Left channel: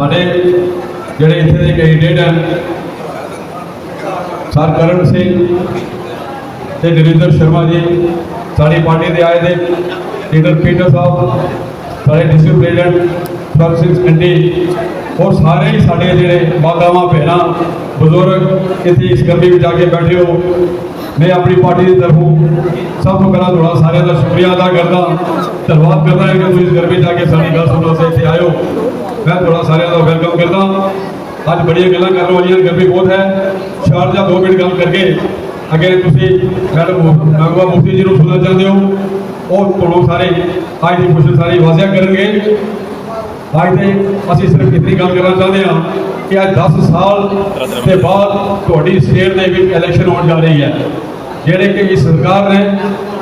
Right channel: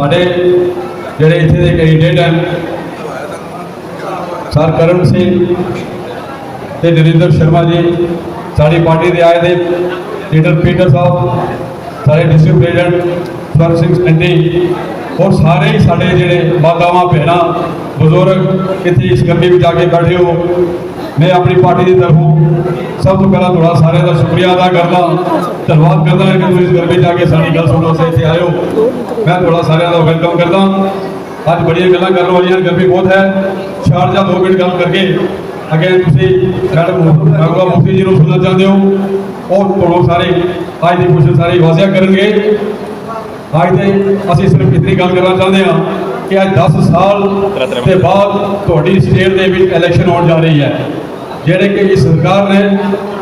साढ़े ਜਿਹੜੇ ਇੱਥੇ ਦੇ ਕੈਂਡੀਡੇਟ ਹਨ ਸਰ ਕਰਨ ਸਿੰਘ ਤੇ ਨਰਿੰਦਰ ਸ਼ਰਮਾ ਜੀ, ਸਾਡੀ ਪਾਰਟੀ ਦੇ ਆਏ ਦੇ ਲੀਡਰ ਪੀਟਰ ਸਾਹਿਬ, ਸਾਡੇ ਡਿਸਟ੍ਰਿਕਟ ਪ੍ਰੈਜ਼ੀਡੈਂਟ ਸਰ ਸਿੰਘ ਸੰਡੀ और सारे ही साढ़े जो मातावां भैन बुजुर्ग इतने इस गर्मी में जाके बैठे हो, मैं अपनी पार्टी की तरफों सब तो पहला थोड़ा सारे का शुक्रिया अदा करना, धन्यवाद करना है कि तुम इस गर्मी जाके सारी गल सुनने से इतने आए हो। मैं थोड़ा सारे का वेलकम करना। अज बड़िया गल्लां करने वाली, गर्मी बहुत है। शारजा 2 मिनट गल करके अगे तुम मैडम नागवा मुफ्ती जी को सुनना चाहते हो और थोड़ा सारे आज की क्वेश्चन सारी वाजिया करेंगे। आज तो असीं सिर्फ इतनी गल करना चाहते हैं कि आज 10 साल के बाद थोड़ी स्टेट के भी इलैक्शन होने जा रही है, जेडे कि इस सरकार ने,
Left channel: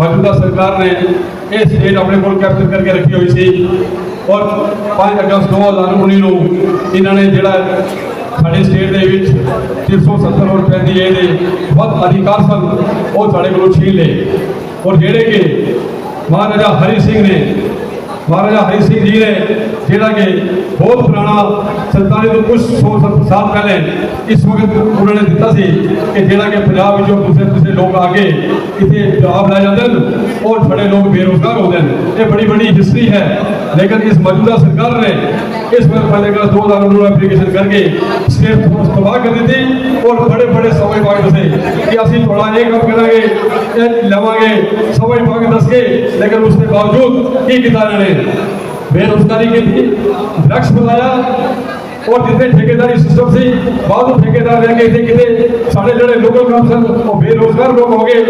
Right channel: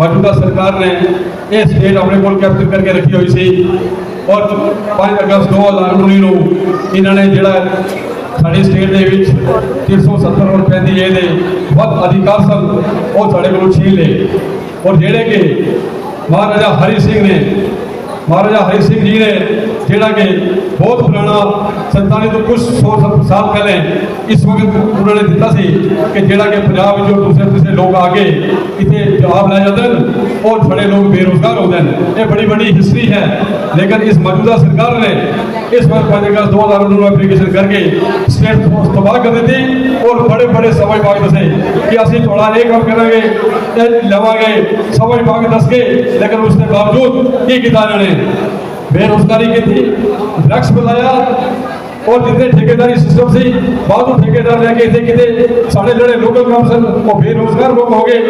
मौजूदा सरकार ने ये स्टेट अपने को कैप्चर करके रखी हुई सी और 5 अगस्त 2019 को इन्होंने जोड़ा साढ़े स्टेट के 370 और 35 ये बहुत अधिकार सन वो साढ़े को छीन ले। और जेडे कि महाराजा हरि सिंह ने, महाराजा हरि सिंह जी ने जोड़ा कि बहुत पुराना 47 तो कुछ 100 साल पहले इस वक्त उन्होंने दिता सी कि जोड़ा कि पंजाब जो दूसरे लोग आके इतने जवाब लै जाते हैं और बड़े लोग बेरोजगार होते हैं। ये बड़ी बड़ी हिस्ट्री है, लेकिन इस मौजूदा सरकार ने इस वक्त 5 अगस्त 2019 एप्लीकेशन करके स्टेट फोर्स तबाह कर दी थी और बड़े बड़े सवाई बाग दसे कि असं थोड़ा ये कम करेंगे लवेंगे सवाई बाग दस के, लेकिन उसके बावजूद की किया इन्होंने बेरोजगारी की थी, ड्रग्स बताया और जितने ठेकेदारी सिस्टम से बाद ठेकेदार लगे थे कि साढ़े जोड़े लोकल काउंसिल वो बेरोजगार लोग हो गए।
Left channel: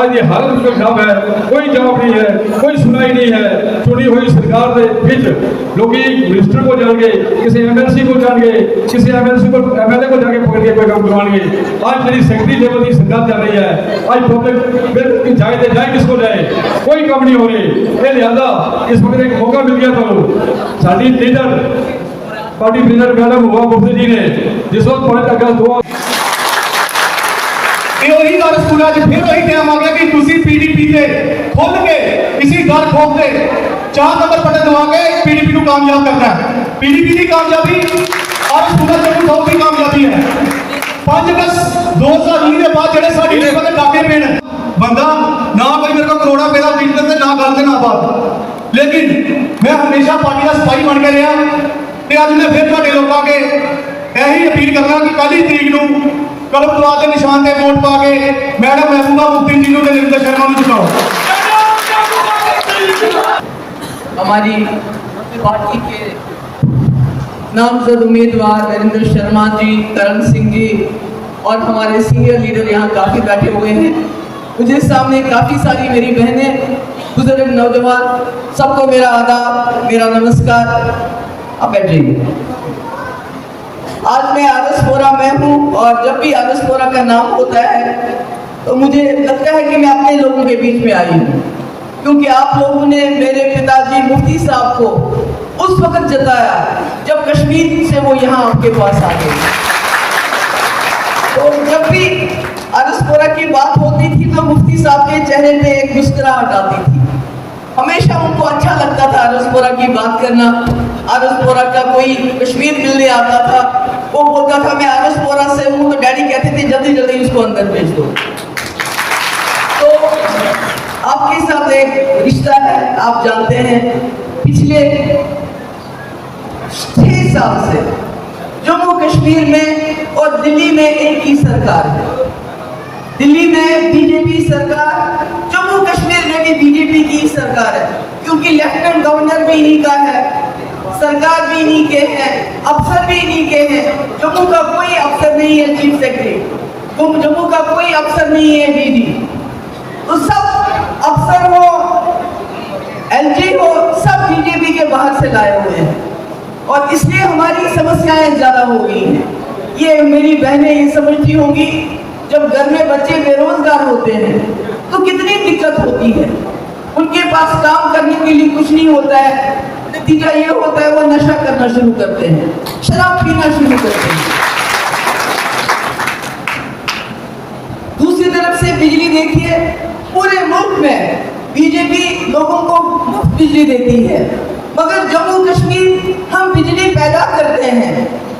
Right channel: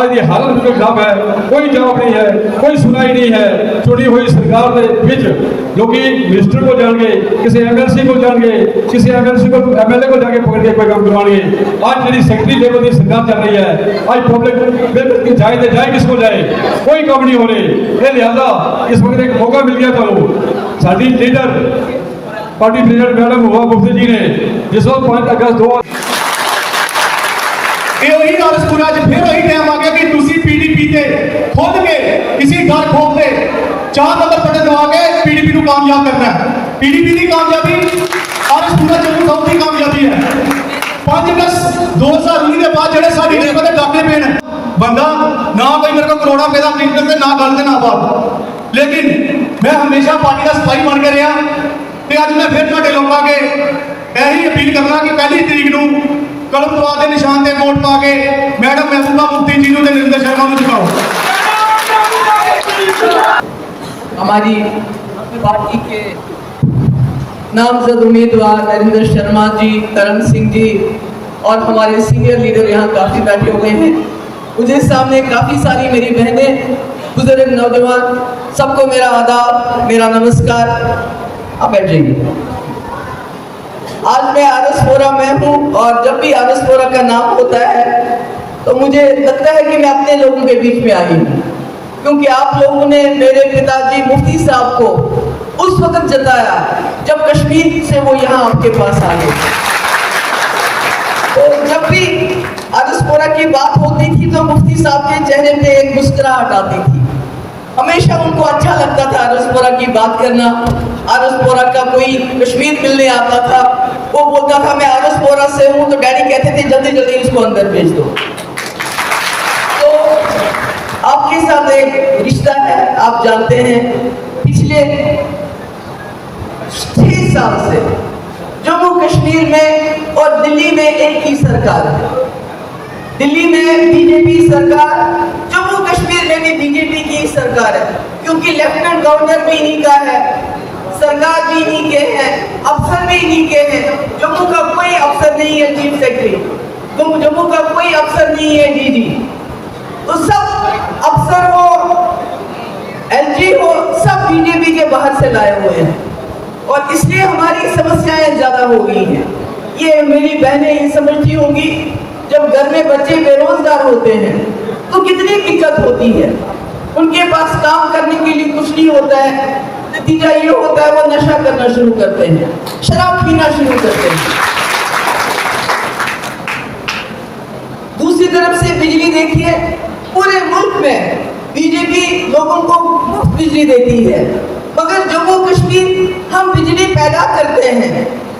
आज ये हालत बिल्कुल खराब है, कोई जवाब नहीं है, कोई सुनाई नहीं है। चुनी हुई सरकार के बिच लोग मिनिस्टर को जाएंगे, किसी MLC को जाएंगे, किसी MLC को MLA को जाके पकड़ के कोई काम करवाएंगे। आज जी सेक्रेटरी लेवल की सरकार चल रही है, आज पब्लिक जाए तो जाए किसको जाए, कोई काम नहीं हो रही। ये लिहाजा इस वक्त एक मौका मिल गया तो sari leader party president madam हुआ मुफ्ती जी ने जिस वक्त 5 अगस्त 2 यही गल स्कूलों फिर वही टाइम आ गया कि तुसी PDP से खुद के इसी गल ठोक से 4 नंबर बटन दबा के PDP को कामयाब करना है। PDP की कामयाबी और स्कूलों चंडू साहब की कामयाबी है। 5 अगस्त 2019 के बाद जो साड़ी डाके पे बंदा ना कोई मेरे को करोड़ा पैदा कीमत ना गल ना बात, लेकिन मैं हमेशा पार्टी का सिपाही बन के रहा। अज मैं फिर तुहाडे लोगों के यही अपील करना कि 1 तरीक को कलमतवा के निशान से वोट पा के मैडम महबूबा मुफ्ती जी को नरिंदर शर्मा को जिताओ। हमारी पार्टी के नामजद उम्मीदवार नरिंदर शर्मा जी, करण सिंह जी और हमारे सीनियर लीडर यहाँ काफ़ी बैठे हुए हैं। मुझे सामने काफ़ी सारी मेरी बहनें, बुजुर्ग, नौजवान, सबको मेरा आदाब, मेरा नमस्कार। आप बैठ जाइए। आज मैं आरसपुरा में हूँ और जब भी आरसपुरा का नाम होता है तो मुझे लगता है कि मैं अपने लोगों के बीच में आई हूँ, क्योंकि आप लोगों ने मेरे पिताजी मुफ्ती साहब को उस वक्त जताया जब कश्मीर से वो यहाँ आपके पास आ गए। तो जब भी आरसपुरा की बात होती थी तो मुफ्ती साहब के चेहरे पे एक मुस्कुराहट आती थी। हमेशा उनको अच्छा लगता था आरसपुरा की बात करना। आरसपुरा का कोई कश्मीर मिलने आता था, वो बोलता था मैं आरसपुरा से हूँ, तो डैडी कहते थे जल्दी जल्दी उसको अंदर भेज दो। तो आपके साथ एक रिश्ता है, आप जानते हैं पिछले 6 साल से जम्मू कश्मीर में और दिल्ली में एक ही सरकार है। दिल्ली में बीजेपी सरकार, जम्मू कश्मीर में भी बीजेपी की सरकार है, क्योंकि लेफ्टिनेंट गवर्नर भी इन्हीं का है, सरकार भी इन्हीं के हैं, अफसर भी इन्हीं के हैं। जम्मू का कोई अफसर नहीं है चीफ सेक्रेटरी, जम्मू का कोई अफसर नहीं है DG, तो सब अफसर हो, LG हो, सब बीजेपी के बाहर से लाए हुए हैं और इसलिए हमारी समस्याएं ज्यादा हो गई हैं। ये मेरी बहनें ये समझती होंगी, जब घर में बच्चे बेरोजगार होते हैं तो कितनी दिक्कत होती है। उनके पास काम करने के लिए कुछ नहीं होता है, नतीजा ये होता है वो नशा करना शुरू करते हैं, शराब पीना शुरू करते हैं। दूसरी तरफ से बिजली देखिए, पूरे मुल्क में बीजेपी लोगों को मुफ्त बिजली देती है, मगर जम्मू कश्मीर हम बिजली पैदा करते हैं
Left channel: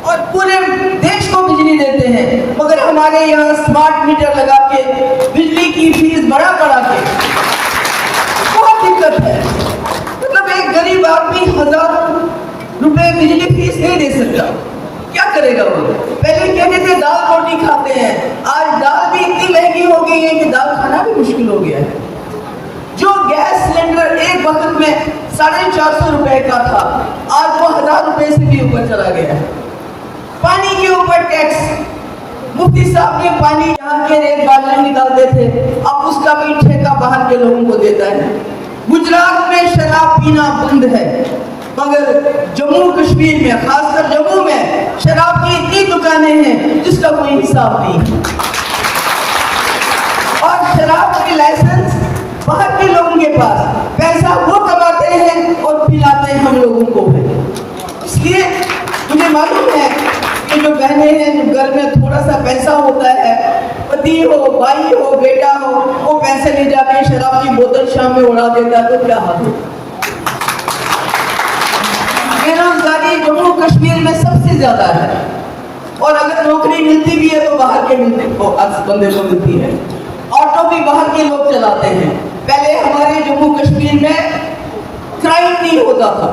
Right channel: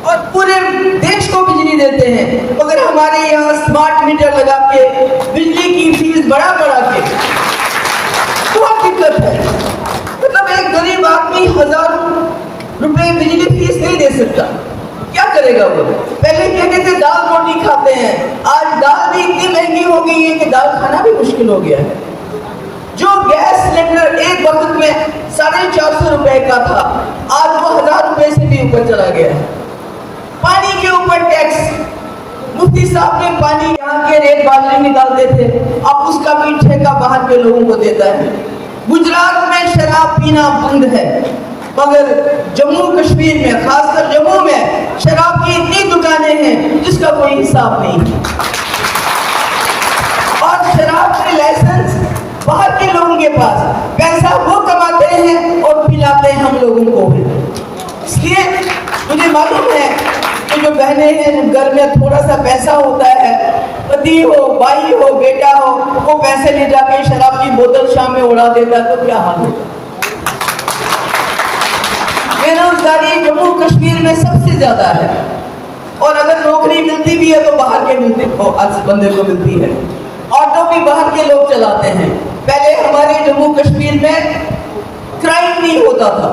और पूरे देश को बिजली देते हैं, मगर हमारे यहाँ स्मार्ट मीटर लगा के बिजली की फीस बढ़ा के बहुत दिक्कत है। मतलब एक गरीब आदमी 1000 रुपए बिजली फीस नहीं दे सकता, क्या करेगा वो? पहले कहते थे दाल रोटी खाते हैं, आज दाल भी इतनी महंगी हो गई है कि दाल खाना भी मुश्किल हो गया है। जो गैस सिलेंडर एक वक्त में 450 रुपए का था, आज वो 1000 रुपए से भी ऊपर चला गया है। पानी के ऊपर टैक्स, मुफ्ती साहब ने पानी यहाँ के रेत बादल निकालते थे, अब उसका भी ठेका बाहर के लोगों को देता है। गुजरात में शराब पीना बंद है, मगर जम्मू कश्मीर में, खासकर जम्मू में शराब की इतनी दुकानें हैं जिसका कोई हिसाब नहीं है। और शराब के लाइसेंस बाहर के लोगों के पास, पैसा वो कमाते हैं और पिलाते हैं हम लोगों को। इसलिए मुझे मालूम है कि जो बहनें हैं, घर में थोड़ा सा पैसा होता है, पति हो, भाई हो, बेटा हो, वो पैसे ले जाके शराब की बोतल शाम में उड़ा देता है, तो क्या हाल है? बेरोजगारी जम्मू कश्मीर में सबसे ज्यादा है, और अगर नौकरी मिलती भी है तो बाहर के बंदे को मिलती है। ऑटो भी बाहर के लोग चलाते हैं। पहले हमारे जम्मू कश्मीर में क्राइम नहीं होता था,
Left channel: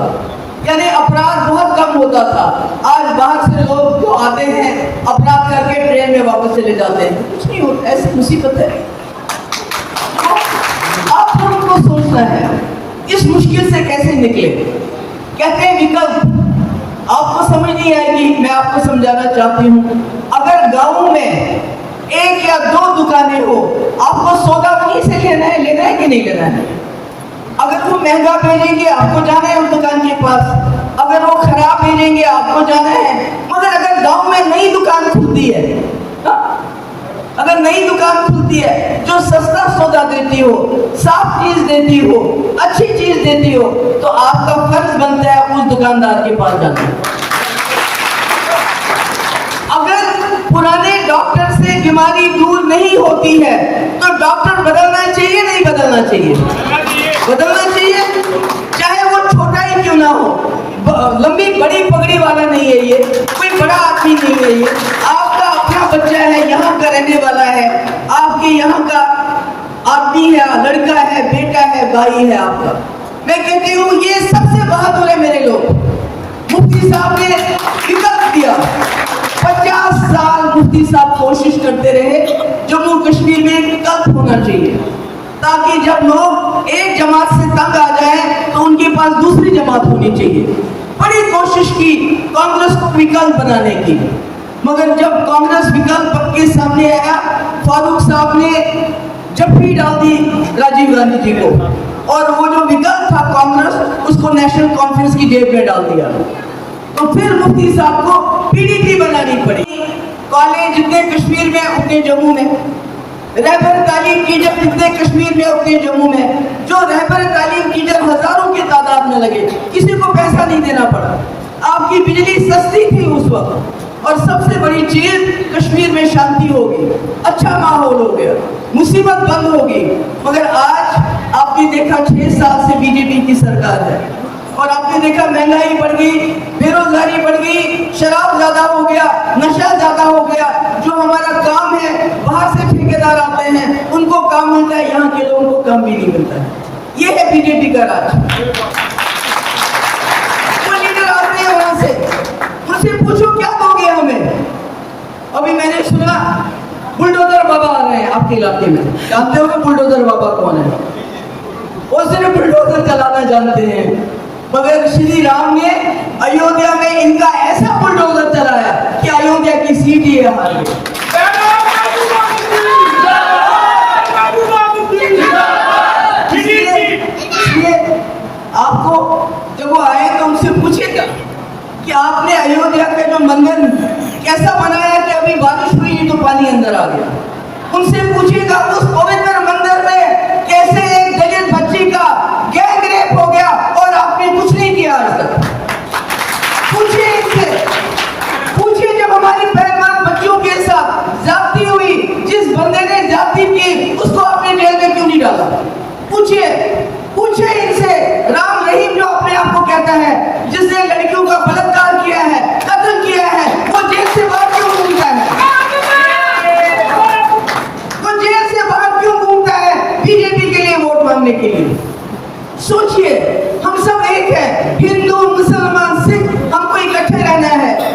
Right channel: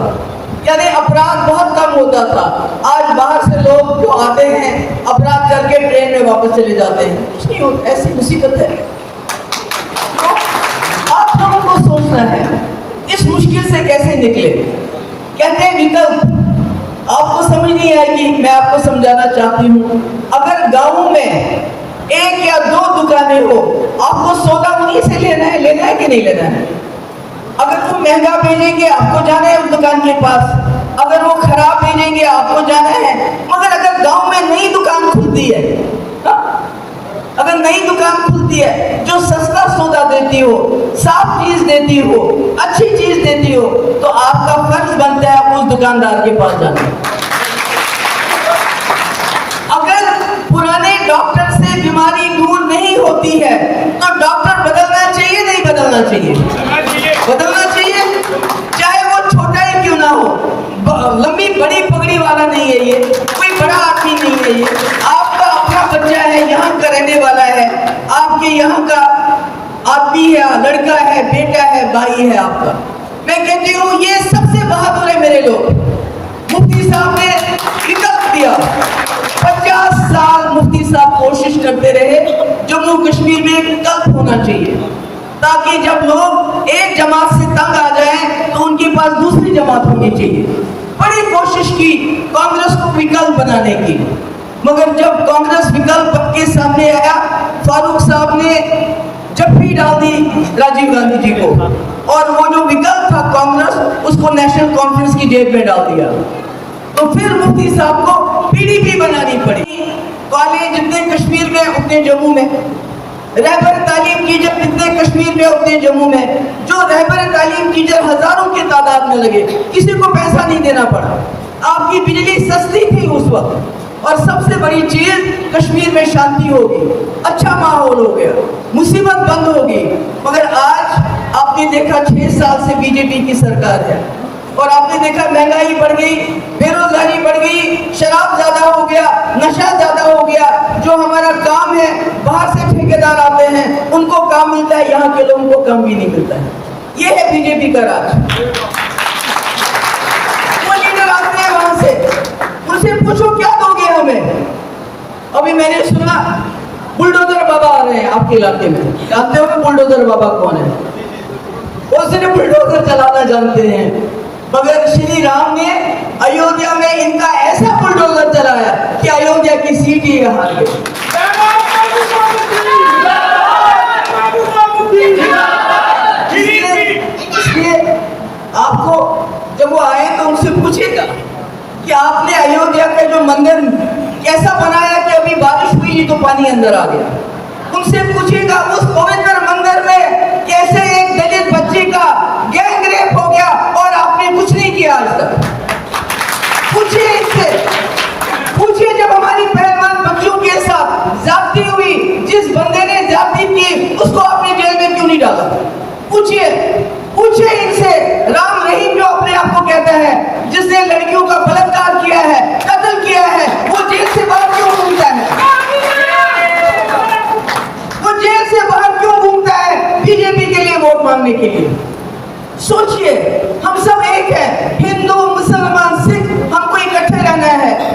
यानी अपराध बहुत कम होता था। आज बाहर से लोग जो आते हैं अपराध करके ट्रेन में वापस चले जाते हैं, कुछ नहीं होता, ऐसी मुसीबत है। आप लोगों को सोचना है इस मुश्किल से कैसे निकले। कहते हैं विकल्प, आपको समझ नहीं आएगी, मैं आपको समझाना चाहती हूँ। अगर गाँव में 1 या 2 दुकानें हो, आपको सौदा उन्हीं से लेना है कि नहीं लेना है? अगर वो महंगा भेजेंगे आपको जाना है उस दुकान के पास, अगर वो खराब भेजेंगे आपको जाना है। मगर अगर गांव में नई दुकान खुलती है, अगर नई दुकान खुलती है जो सस्ता सौदा देती हो, साफ चीज देती हो, अच्छी चीज देती हो, तो आपका फर्ज बनता है उस दुकानदार के पास जाना। अगर पुराने डॉक्टर से बीमारी दूर नहीं होती है तो डॉक्टर बदलना चाहिए नहीं बदलना चाहिए? बदलना चाहिए, चाहे वो छोटा ही क्यों ना हो, लंबी बड़ी पगड़ी वाला नहीं है ये, कोई बड़ा आदमी नहीं है ये, आपका अपना बच्चा है, यहाँ का रहने वाला है, आपके यहाँ का आदमी है, लड़का है, बेटा है, भाई है आपका। मैं कहती हूँ ये सबसे बहादुर है मेरे लोग। मुफ्ती साहब ने विकल्प दिया, 50 साल मुफ्ती साहब कोशिश करते रहे जम्मू कश्मीर में विकल्प होना चाहिए, ताकि जब लोग एक जमात से तंग आ जाएं तो उनके पास दूसरी जमात होनी चाहिए। बड़ी कोशिश की कांग्रेस को विकल्प बनाने की, मगर जब कांग्रेस विकल्प के सामने आया, फारूक साहब ने जप्पी डाल दी राजीव गांधी जी को, और वो जो विकल्प था कांग्रेस, उसको नेशनल कॉन्फ्रेंस की जेब में डाल दिया। तो फिर मुफ्ती साहब को पीडीपी बनानी पड़ी। कॉलेज जितने कश्मीर में उतने जम्मू में, रहबर तालीम टीचर जितने कश्मीर में उतने जम्मू में। जो रहबर तालीम टीचर हजारों की तादाद में लगे, किसी को पैसा नहीं देना पड़ा, आपकी बिजली सस्ती थी उस वक्त। और सबसे बड़ी चीज, कश्मीर में शांति होगी, अच्छा माहौल हो गया, मुसीबत बंद होगी। मगर आज आपने देखा 6 साल से बीजेपी की सरकार है, और आपने देखा महंगाई बढ़ गई, बेरोजगारी बढ़ गई, शराब ज्यादा हो गया, नशा ज्यादा हो गया। जो हमारा काम है, बाहर से ठेकेदार आते हैं, उनको काम मिलता है, यहाँ के लोगों को काम भी नहीं मिलता है। ये है बीजेपी का राज। वो लीडर आते हैं वहां से, उनसे पूछो क्या दोगे हमें। अभी मैंने सुना बुलडोजर बाबा आ रहे हैं आपके इलाके में, जानते हो बुलडोजर बाबा कौन है? वो सिर्फ बुलडोजर चलाना जानते हैं, मगर श्री राम ने अयोध्या में इनका ऐसा बुलडोजर चलाया कि अयोध्या की सीट ही हार गई। इसलिए आपको जब वो आए तो उनसे पूछेगा कि आपने अयोध्या का जो मंदिर कैसा बनाया कि अभी बारिश हुई नहीं तो पानी अंदर आ गया। उनसे पूछेगा उस पवित्र मंदिर में कैसे एक दलित बच्ची का गैंग रेप हो गया और आपने कुछ नहीं किया आज तक। पूछिए इनसे, पूछिए जब हमारी पहलवान बच्चियों के साथ जाती हुई, जिस बंदे ने जाती की, उसको आपने जेल में क्यों नहीं डाला? पूछिए, पूछिए इनसे। राम रहीम जो अपने आप को कहता है सोचिए, हम सब एक है, हिंदू मुसलमान सिख, हमको इकट्ठे रहना है।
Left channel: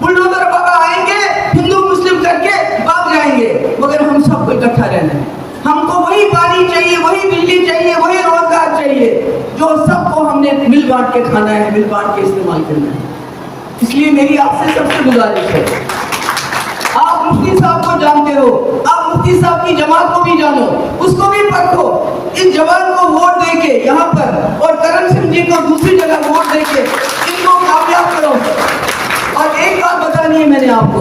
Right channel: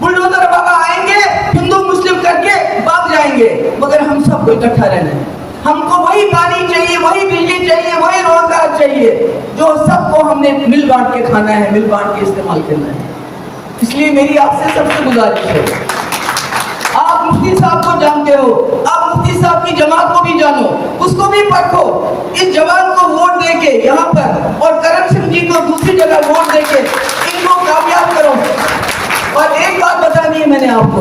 बुलडोजर बाबा आएंगे, हिंदू मुस्लिम करके भाग जाएंगे, मगर हम सबको इकट्ठा रहना है। हमको वही पानी चाहिए, वही बिजली चाहिए, वही रोजगार चाहिए, जो सबको हमने मिल बांट के खाना है, मिल बांट के इस्तेमाल करना है। इसलिए मेरी आपसे सबसे गुजारिश है, आप मुफ्ती साहब को जानते हो, आप मुफ्ती साहब की जमात को भी जानो, उसको भी परखो। इस जवान को वोट देके यहाँ पर और करम सिंह जी को दूसरी जगह वोट देके इनको कामयाब करो। और एक बात बतानी है मैंने आपको,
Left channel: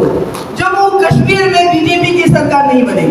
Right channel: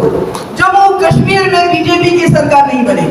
जम्मू कश्मीर में बीजेपी की सरकार नहीं बनेगी।